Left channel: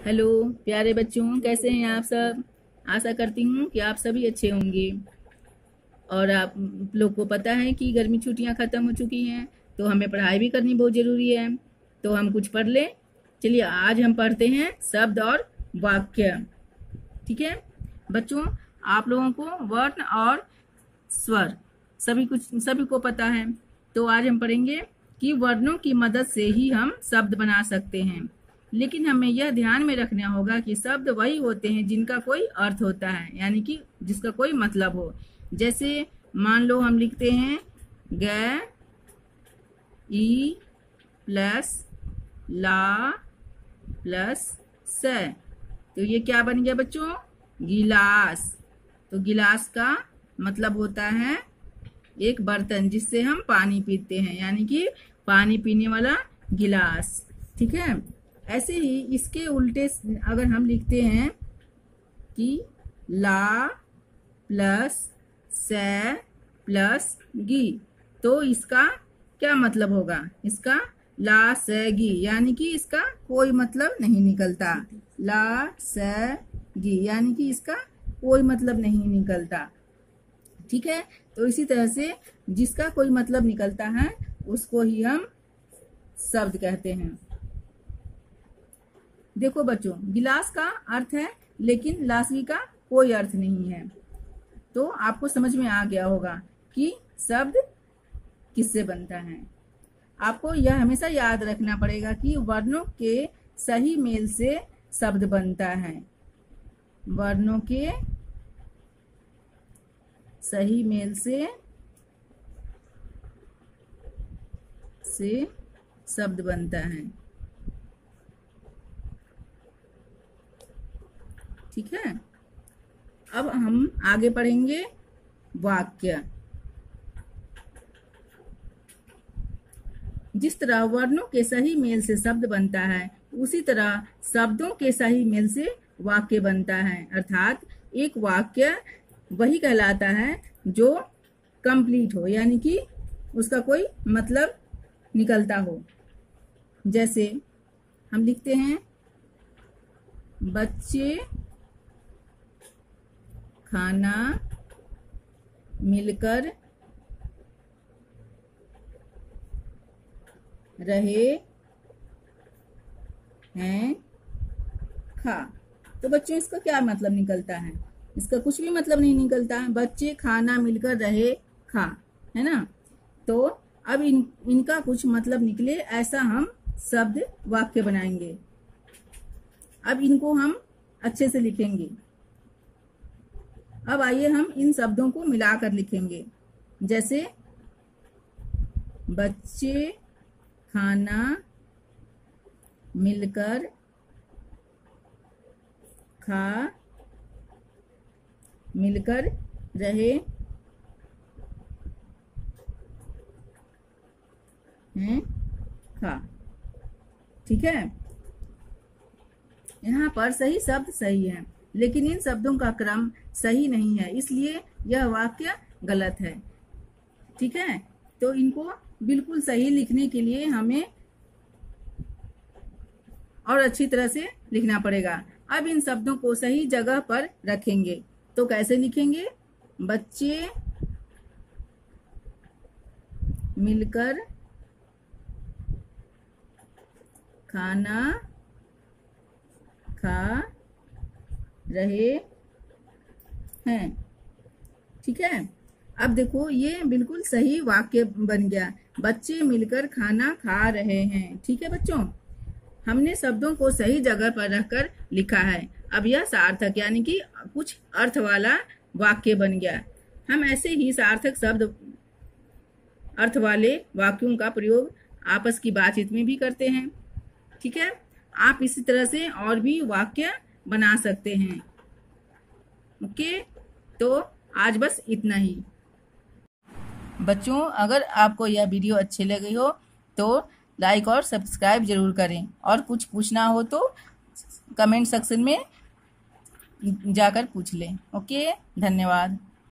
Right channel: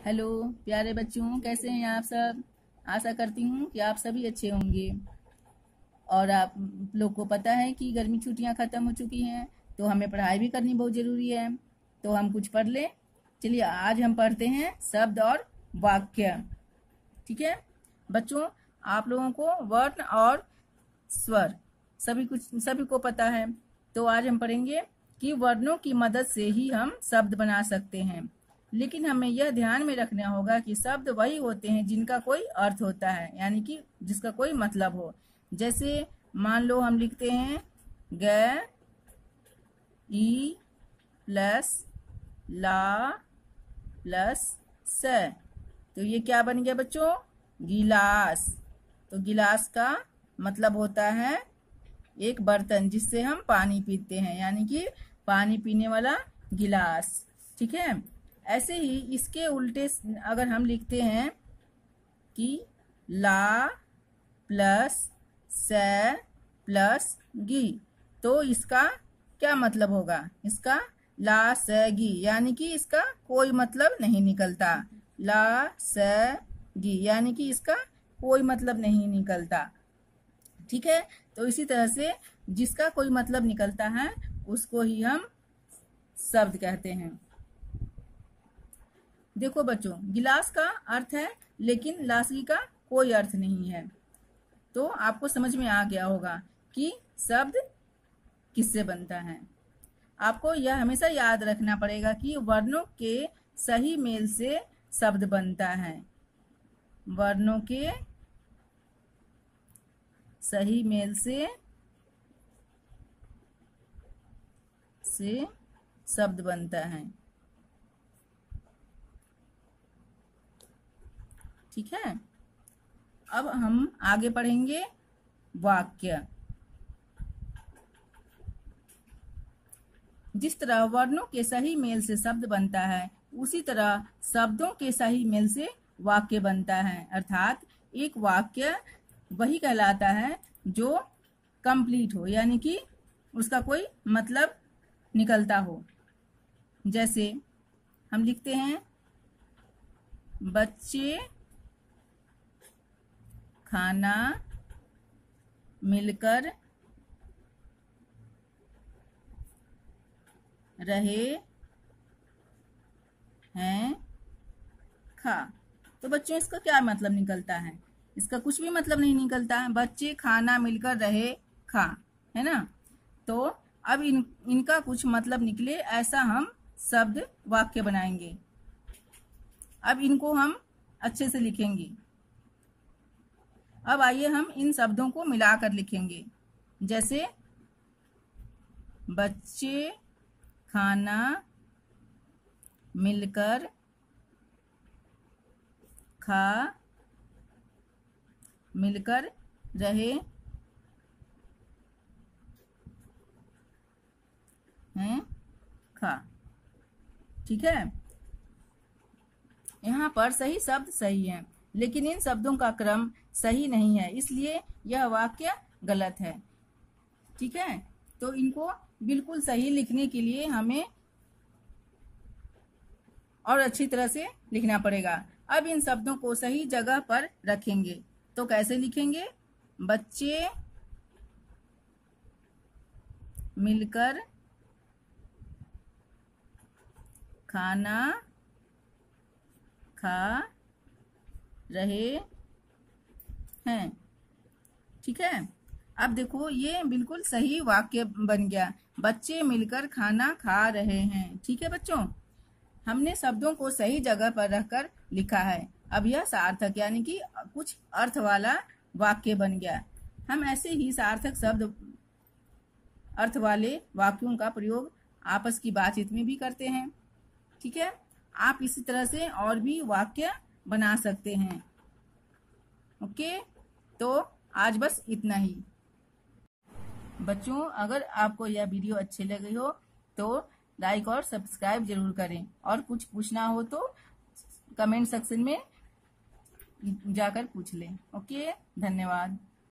Hello प्यारे बच्चों, कैसे हैं आप सब। आशा करती हूँ कि आप सभी अच्छे होंगे। और आप लोग को पता है कि गर्मी छुट्टियाँ ख़त्म हो चुकी हैं, तो हमें पढ़ाई भी करनी बहुत ज़रूरी है। तो हम कुछ पढ़ लें। चलिए आज हम पढ़ते हैं शब्द और वाक्य। ठीक है बच्चों, आप लोगों को वर्ण और स्वर सभी को पता है। तो आज हम पढ़ेंगे कि वर्णों की मदद से ही हम शब्द बना सकते हैं, लेकिन हमें यह ध्यान में रखना होगा कि शब्द वही होते हैं जिनका कोई अर्थ होता है, यानी कि जिसका कोई मतलब हो। जैसे मान लो हम लिखते हैं ग ई प्लस ला प्लस स, तो ये क्या बन गया बच्चों? गिलास। तो गिलास का मतलब होता है एक बर्तन जिससे हम पानी पीते हैं, यानी कि पानी पीने वाला गिलास। ठीक है, ऐसे ही इसके उल्टे अगर हम लिखते हैं कि ला प्लस स प्लस गी, तो इसका क्या मतलब होगा? इसका ला स गी, यानी कि इसका कोई मतलब नहीं निकलता। ला स गी यानी कि इसका कोई मतलब नहीं निकलता। ठीक है, तो इसी तरह से जिसका कोई मतलब निकलता है उसको ही हम शब्द कहते हैं। देखो बच्चों, गिलास का अर्थ है, लेकिन लासगी का कोई अर्थ नहीं है। तो आपको समझ में आ गया होगा कि शब्द किससे बनता है। आपको यह हमेशा याद रखना पड़ेगा कि वर्णों के सही मेल से शब्द बनता है। वर्णों के सही मेल से शब्द बनता है। ठीक है, अब हम आगे पढ़ेंगे वाक्य। जिस तरह वर्णों के सही मेल से शब्द बनता है, उसी तरह शब्दों के सही मेल से वाक्य बनता है। अर्थात एक वाक्य वही कहलाता है जो कंप्लीट हो, यानी कि उसका कोई मतलब निकलता हो। जैसे हम लिखते हैं बच्चे खाना मिलकर रहे हैं खा। तो बच्चों इसका क्या मतलब निकलता है? इसका कुछ भी मतलब नहीं निकलता है। बच्चे खाना मिलकर रहे खा, है ना। तो अब इनका कुछ मतलब निकले, ऐसा हम शब्द वाक्य बनाएंगे। अब इनको हम अच्छे से लिखेंगे। अब आइए हम इन शब्दों को मिलाकर लिखेंगे। जैसे बच्चे खाना मिलकर मिलकर रहे हैं खा। ठीक है, यहाँ पर सही शब्द सही है, लेकिन इन शब्दों का क्रम सही नहीं है, इसलिए यह वाक्य गलत है। ठीक है, तो इनको बिल्कुल सही लिखने के लिए हमें और अच्छी तरह से लिखना पड़ेगा। अब इन शब्दों को सही जगह पर रखेंगे। तो कैसे लिखेंगे? बच्चे मिलकर खाना खा रहे हैं। ठीक है, अब देखो ये बिल्कुल सही वाक्य बन गया। बच्चे मिलकर खाना खा रहे हैं। ठीक है बच्चों, हमने शब्दों को सही जगह पर रखकर लिखा है। अब यह सार्थक यानी कि कुछ अर्थ वाला वाक्य बन गया। हम ऐसे ही सार्थक शब्द अर्थ वाले वाक्यों का प्रयोग आपस की बातचीत में भी करते हैं। ठीक है, आप इसी तरह से और भी वाक्य बना सकते हैं। ओके, तो आज बस इतना ही। बच्चों, अगर आपको यह वीडियो अच्छी लगी हो तो लाइक और सब्सक्राइब जरूर करें, और कुछ पूछना हो तो कमेंट सेक्शन में जाकर पूछ लें। ओके, धन्यवाद।